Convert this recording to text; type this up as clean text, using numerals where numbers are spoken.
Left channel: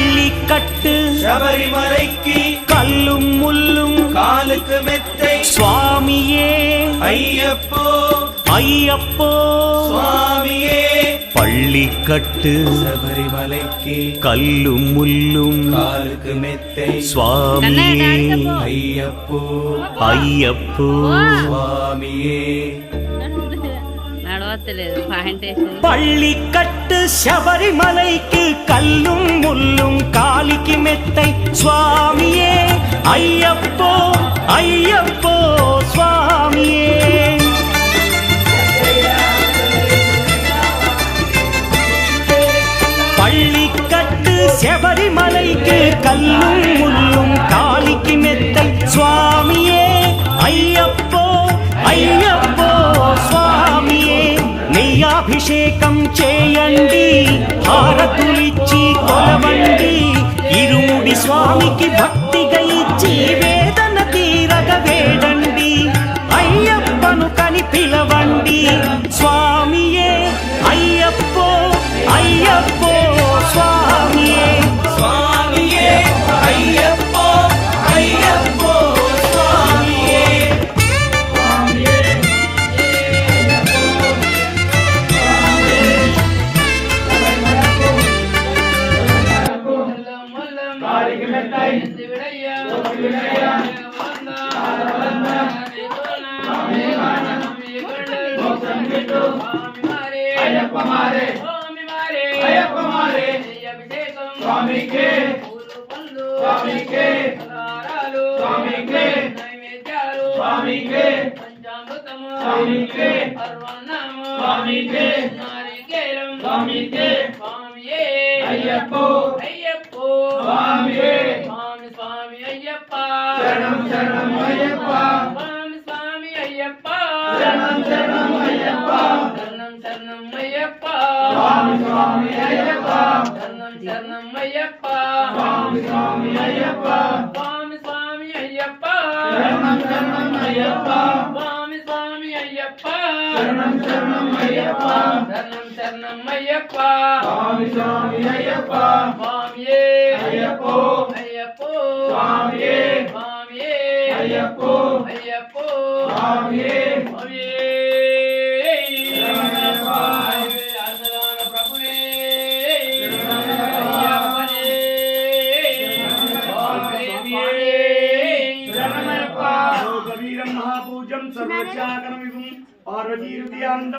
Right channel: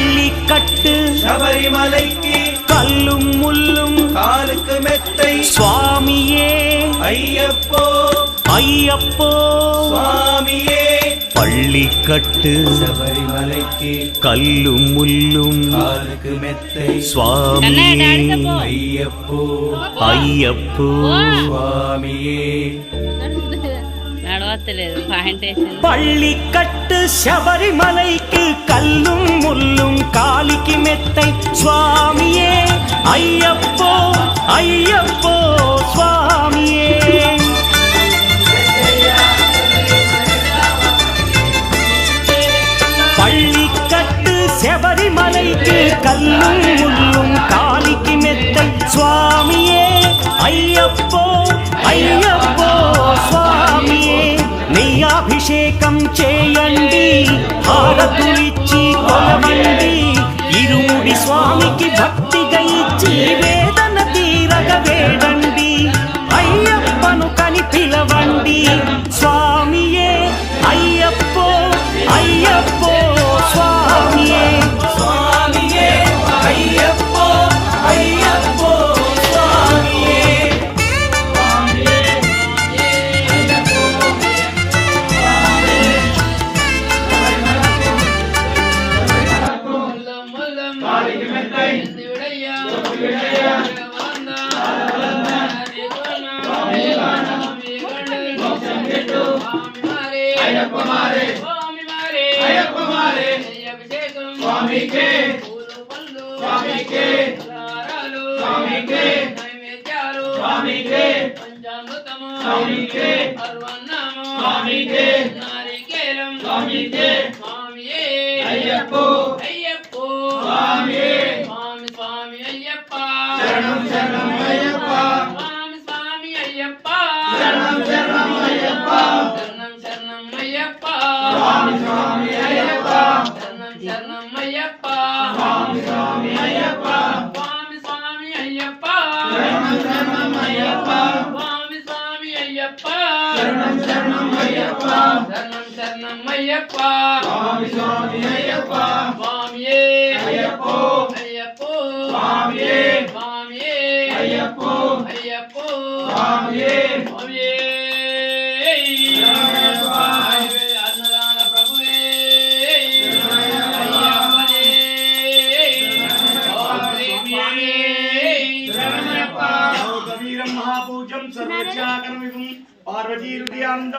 பள்ளிக்கட்டு சபரிமலைக்கு கல்லும் முள்ளும் காலுக்கு மெத்தை சுவாமியே ஐயப்போ ஐயப்போ சுவாமியே பள்ளிக்கட்டு சபரிமலைக்கு கல்லும் முள்ளும் காலுக்கு மெத்தை சுவாமியே ஐயப்போ ஐயப்போ சுவாமியே பள்ளிக்கட்டு சபரிமலைக்கு கல்லும் முள்ளும் காலிக்கு மெத்தை சுவாமியே ஐயப்போ ஐயப்போ சுவாமியே பள்ளிக்கட்டு சபரிமலைக்கு கல்லும் முள்ளும் காலிக்கு மெத்தை சுவாமியே ஐயப்போ ஐயப்போ స్వామియే నెయ్యాభిషేకం చేయండి హారతులిచ్చి కొలవండి ఇరుముడి స్వామికి భక్తిగా ఇచ్చి వేదన తీరగ వేడండి అయ్యప్పను కని పిలవండి స్వామియే అయ్యప్పో అయ్యప్పో స్వామియే స్వామియే అయ్యప్పో అయ్యప్పో స్వామియే అయ్యప్పో అయ్యప్పో స్వామియే స్వామి స్వామి అయ్యప్ప శరణం శరణం అయ్యప్ప స్వామి స్వామి అయ్యప్ప శరణం శరణం అయ్యప్ప శరణం శరణం అయ్యప్ప స్వామి స్వామి అయ్యప్ప శరణం శరణం అయ్యప్ప స్వామి స్వామి అయ్యప్ప స్వామి స్వామి అయ్యప్ప శరణం శరణం అయ్యప్ప స్వామి స్వామి అయ్యప్ప శరణం శరణం అయ్యప్ప శరణం శరణం అయ్యప్ప స్వామి స్వామి అయ్యప్ప స్వామియే అయ్యప్పో అయ్యప్పో స్వామియే